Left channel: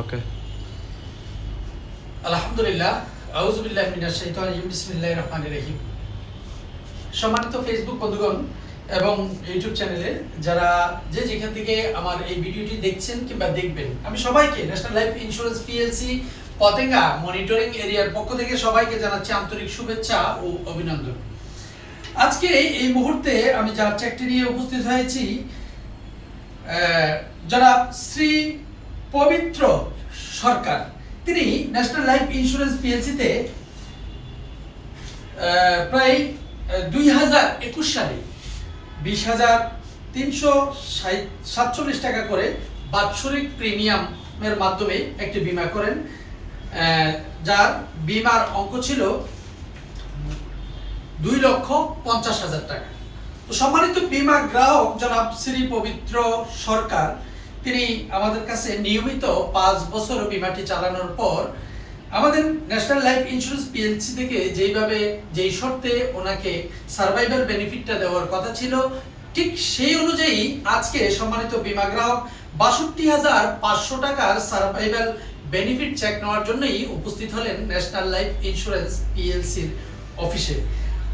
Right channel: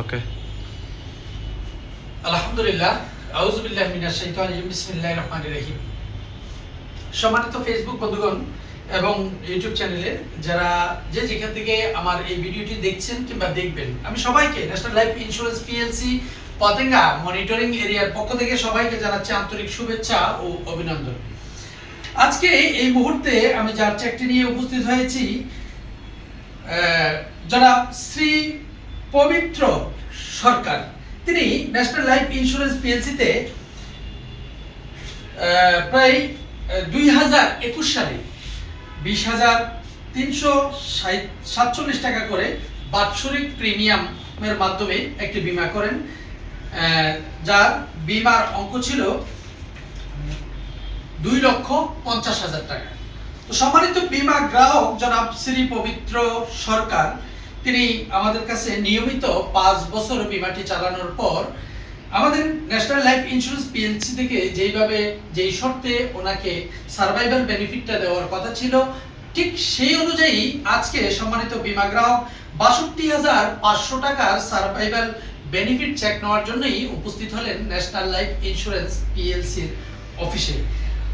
ওকে। আলহামদুলিল্লাহ, আউযু বিল্লাহি মিনাশ শাইতানির রাজিম, বিসমিল্লাহির রহমানির রহিম। সম্মানিত ফেসবুক বন্ধুগণ এবং ইউটিউব চ্যানেলে যারা যেখান থেকে আমার এই ভিডিওটি দেখছেন কিংবা দেখবেন, আমি সবাইকে national life insurance PLC Patenga monitoring এরিয়ার পক্ষ থেকে সবাইকে জানাচ্ছি আন্তরিক শুভেচ্ছা ও অভিনন্দন। আজকে এই মুহূর্তে আমি যার চাকরি নিয়ে উপস্থিত হয়েছি, জনাব শ্রী পবিত্র সরকার। তিনি ন্যাশনাল লাইফ ইন্স্যুরেন্স পিএলসিতে প্রায় 2021 সালে 20,347 টাকা করে বাৎসরিক প্রিমিয়ামের মাধ্যমে একটি বীমা করেন, যার বীমার অঙ্ক ছিল 2,50,000 টাকা। তো সম্মানিত বীমা গ্রাহক জনাব শ্রী পবিত্র সরকার, তিনি আমাদের কাছে নিয়মিত 5 বছর বীমাটি চালানোর পর আমাদের ন্যাশনাল লাইফ ইন্স্যুরেন্স পিএলসি থেকে যেই শর্তে ওনাকে সার্ভাইভাল বেনিফিটটা দেওয়ার কথা ছিল, ঠিক সেই অনুযায়ী আজকে সম্মানিত বীমা গ্রাহক 62,500 টাকার সার্ভাইভাল বেনিফিট চেক নেওয়ার জন্যই উপস্থিত হলেন ন্যাশনাল লাইফ ইন্স্যুরেন্স পিএলসির অফিসে।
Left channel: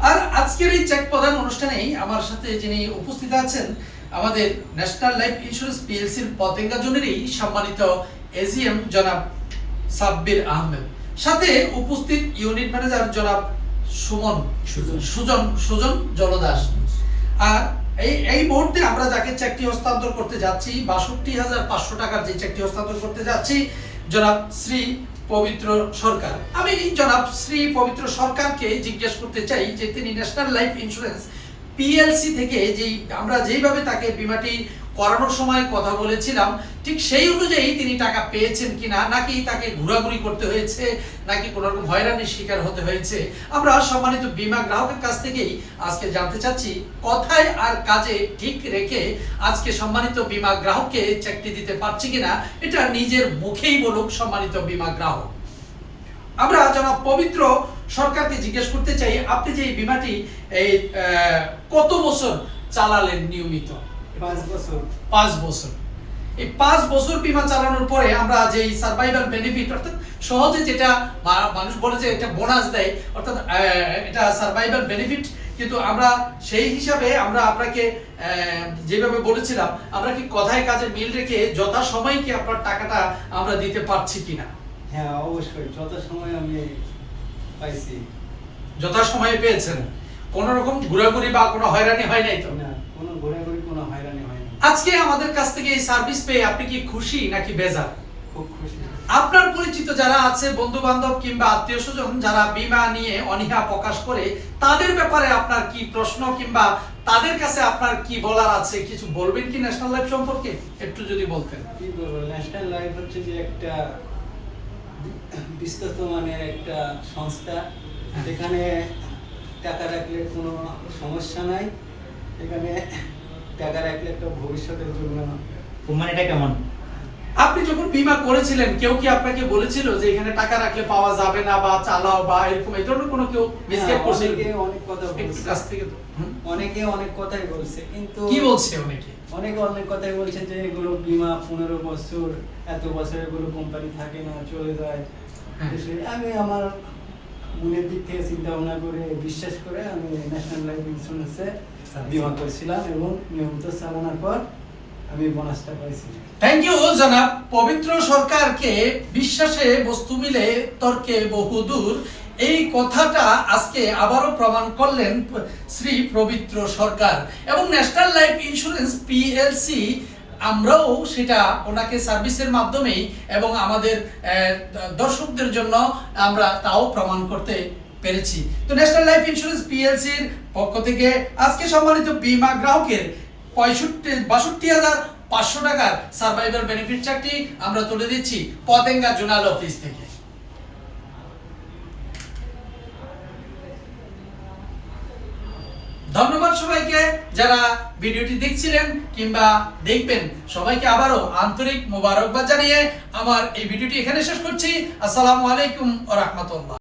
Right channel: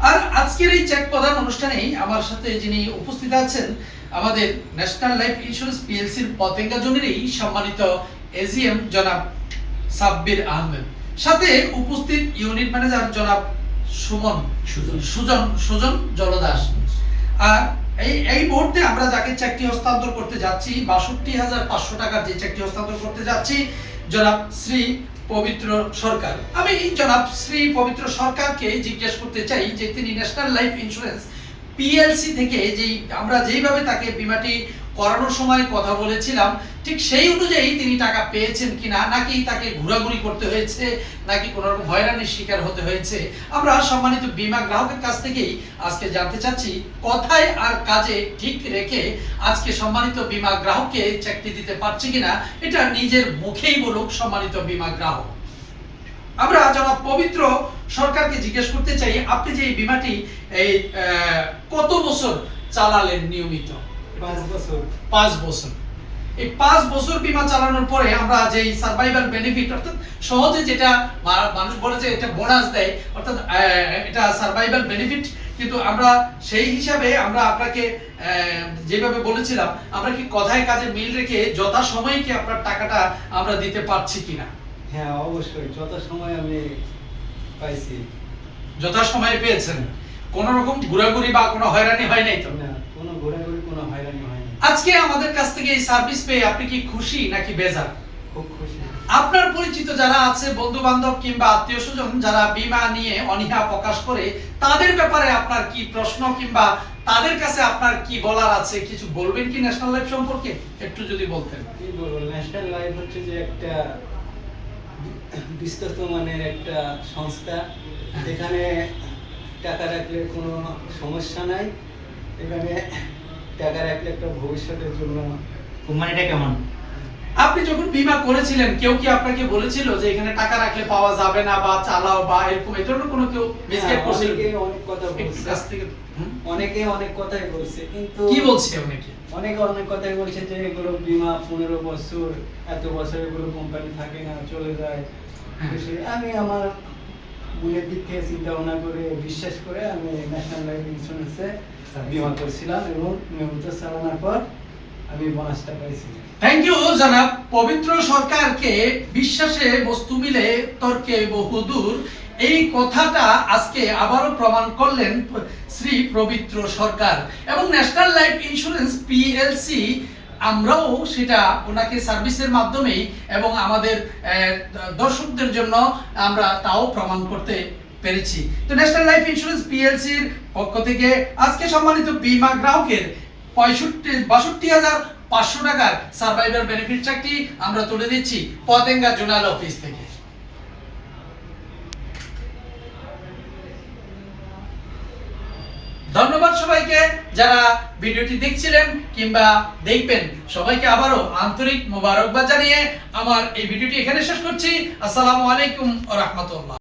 আর আজকের এই চেক প্রদান অনুষ্ঠানেই আমার সাথে যিনি উপস্থিত আছেন, আমাদের ন্যাশনাল লাইফ ইন্স্যুরেন্স পিএলসির পতেঙ্গা জোনেরই সম্মানিত এজিএম জনাব সাব্বির আহমেদ, সাথে উপস্থিত ইউনিট ম্যানেজার জনাব সুজন জলদাস। আর এই মুহূর্তে আমরা যাকে চেকটি হস্তান্তর করতে যাচ্ছি, 62,500 টাকার যে চেকটি হস্তান্তর করতে যাচ্ছি, জনাব শ্রী পবিত্র সরকার। আমি জনাব শ্রী পবিত্র সরকারকে জিজ্ঞেস করতে চাই যে তিনি ন্যাশনাল লাইফ ইন্স্যুরেন্স পিএলসি থেকে আমরা যেইভাবে তাকে বীমাটি করানোর সময় কথা বলেছিলাম, ঠিক সেই অনুযায়ী তিনি টাকা পেয়েছেন কিনা, নাকি তাকে ঘোরাঘুরি করতে হয়েছে, নাকি কোনো রকম হয়রানির শিকার হতে হয়েছে, আমরা সম্মানিত বীমা গ্রাহকের কাছ থেকেই আজকে জানতে চাচ্ছি। কথায় আর কাজে ঠিক রেখে আজকে সম্মানিত বীমা গ্রাহককে চেকটি দিতে পারছে কিনা, এটা নিজের মুখেই বলুক সম্মানিত বীমা গ্রাহক। আমরা জনাব পবিত্র সরকারকে জিজ্ঞেস করতে চাই, আপনি যে এই বীমাটি এই কত বছর চালালেন নিয়মিত? 5 বছর। এই 5 বছর বীমা চালানোর পরে আমরা যে সার্ভাইভাল বেনিফিট, অর্থাৎ সহজে যেটা মানুষ বলে যে এটা বোনাস দেয়, অর্থাৎ এটা সার্ভাইভাল বেনিফিট, কিন্তু আমরা সেই হিসাবে আমরা আপনাকে যেভাবে বলেছিলাম, আমরা কি কথায় কাজে মিল রেখে যথাসময়ে কি আপনার টাকাটা আমরা দিতে পারছি কিনা? হ্যাঁ, অবশ্যই যথাসময়ে আমি পাইছি। যথাসময়ে পেয়েছেন? কোন রকম ঘোরাঘুরি বা কোনো হয়রানি হয় নাই তো? না, কোনো ঘোরাঘুরি, কোনো হয়রানি হয়নি। আজকে আমাদের কাছ থেকে এই সার্ভিস পেয়ে আপনি কি খুশি নাকি বেজার? খুব খুশি। আপনার পরিচিত যারা আছে, বন্ধু বান্ধব কিংবা আত্মীয় স্বজন যারা বীমা নিয়ে অনীহা প্রকাশ করে, তাদের ব্যাপারে আপনার কি প্রশ্ন কিংবা তাদের কাছে আপনার কি বলার আছে? কিছু বলবেন কি ন্যাশনাল লাইফ সম্পর্কে? একটু যদি বলতেন। কি বলবো, ন্যাশনাল লাইফ হচ্ছে যে একটা বিশ্বস্ত মানের একটা সংস্থা, এখানে টাকা রাখলে কোনো সমস্যা নাই। এখানে টাকা রাখলে একটা ভবিষ্যতের জন্য। কোম্পানিটা কেমন? আপনি যখন বীমা করেছিলেন, কেউ কি আপনাকে বলেছিল যে এখানে টাকা রাখলে পাওয়া যাবে না বা চালাও বা এরকম এই ধরনের কোনো কেউ মিসগাইড করছিল? অনেক কথা বলছে, কাছ থেকে অনেকে অনেক কথাই বলছে, কিন্তু কি বলছে অনেকে? অনেকে অনেক কথাই বলছে যে এগুলো বীমা 15 বছর, এত বছর এগুলো কোম্পানি থাকে না, চলে যায়। আমি আমার মনের দিক থেকে চিন্তা ভাবনা করে, বিশ্বাস করে আমি ন্যাশনাল লাইফ ইন্স্যুরেন্সে বীমা করেছিলাম এবং নিয়মিত চালানোর পর আমি বোনাসটা পাইছি। থ্যাংক ইউ জনাব পবিত্র সরকারকে। বিশ্বাসে বস্তু মিলে তর্কে বহুদূর, এই কথাটা আজকে আবারও প্রমাণ করলেন শ্রী পবিত্র সরকার এবং ন্যাশনাল লাইফ ইন্স্যুরেন্স পিএলসি। আমরাও সেটা ওনাকে সার্ভিসের মাধ্যমেই এবং আমাদের দর্শকদের জন্য আমরা তাও প্রমাণ করতে পেরেছি। তো ন্যাশনাল লাইফ ইন্স্যুরেন্স পিএলসির পক্ষ থেকে আজকে সম্মানিত বীমা গ্রাহকের 62,500 টাকার সার্ভাইভাল বেনিফিট চেকটি আমরা তুলে দিচ্ছি পতেঙ্গা জোনাল অফিস থেকে। ধন্যবাদ সবাইকে যারা ভিডিওটি দেখছিলেন কিংবা দেখবেন। সবাইকে আবারও আন্তরিক মোবারকবাদ জানিয়ে আমার এই ভিডিওটি এখানে শেষ করছি। আসসালামু আলাইকুম ওয়া রাহমাতুল্লাহ।